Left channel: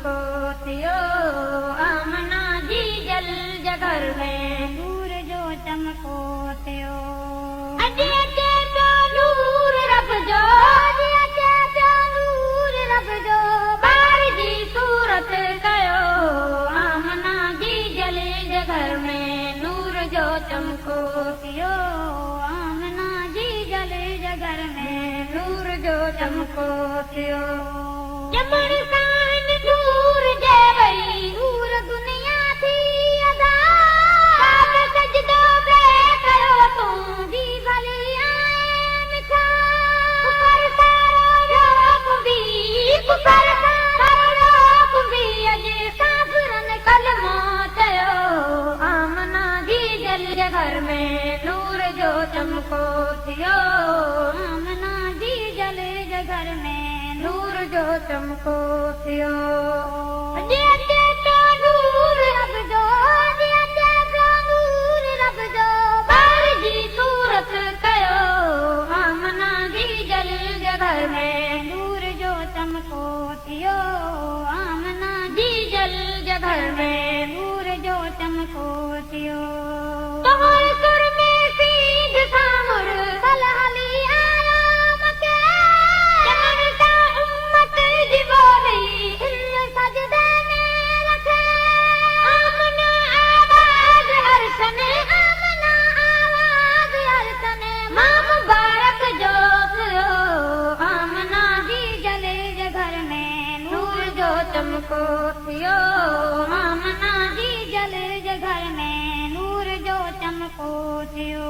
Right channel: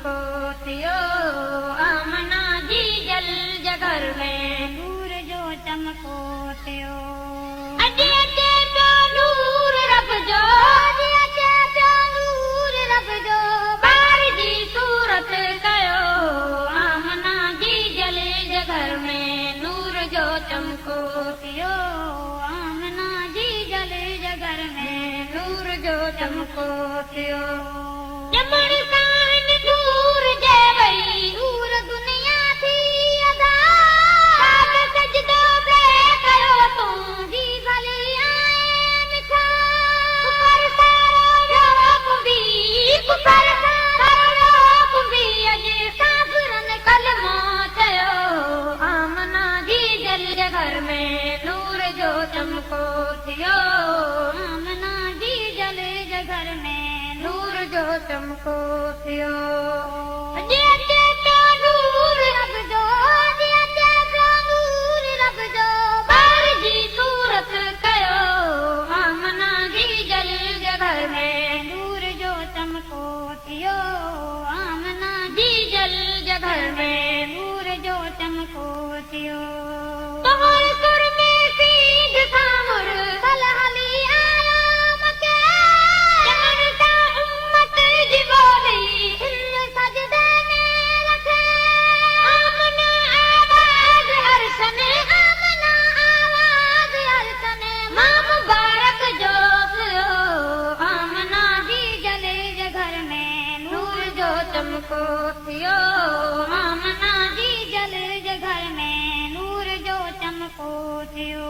चमको थियो, आमना जी जल जगर में नूर जो चमको थियो। अॼु अचे पियो नूर रब जो, अॼु अचे पियो नूर रब जो, ॿार जी सूरत कयो, आमना जी जल जगर में नूर जो चमको थियो, आमना जी जल जगर में नूर जो चमको थियो। ॼमण सां नूर जे वई, नूर दुनिया थी अदा, पाक सजदो पे कयो तूं जी भली आए मिठा, कुफर सारो कुंभी, कुफर सारो कुंभी, अॼु काफ़िरनि कलमो चयो, आमना जी जल जगर में नूर जो चमको थियो, आमना जी जल जगर में नूर जो चमको थियो। अॼु अचे पियो नूर रब जो, अॼु अचे पियो नूर रब जो, ॿार जी सूरत कयो, आमना जी जल जगर में नूर जो चमको थियो, आमना जी जल जगर में नूर जो चमको थियो। तोहर सुर में सीध सामुर कल हली आया मके, चमन सा उम्मत जी बोली, दिल सजदे में रखे, आमना आवाज़ अरसन, आमना आवाज़ अरसन, मां मुबारक जो थियो, आमना जी जल जगर में नूर जो चमको थियो, आमना जी जल जगर में नूर जो चमको थियो।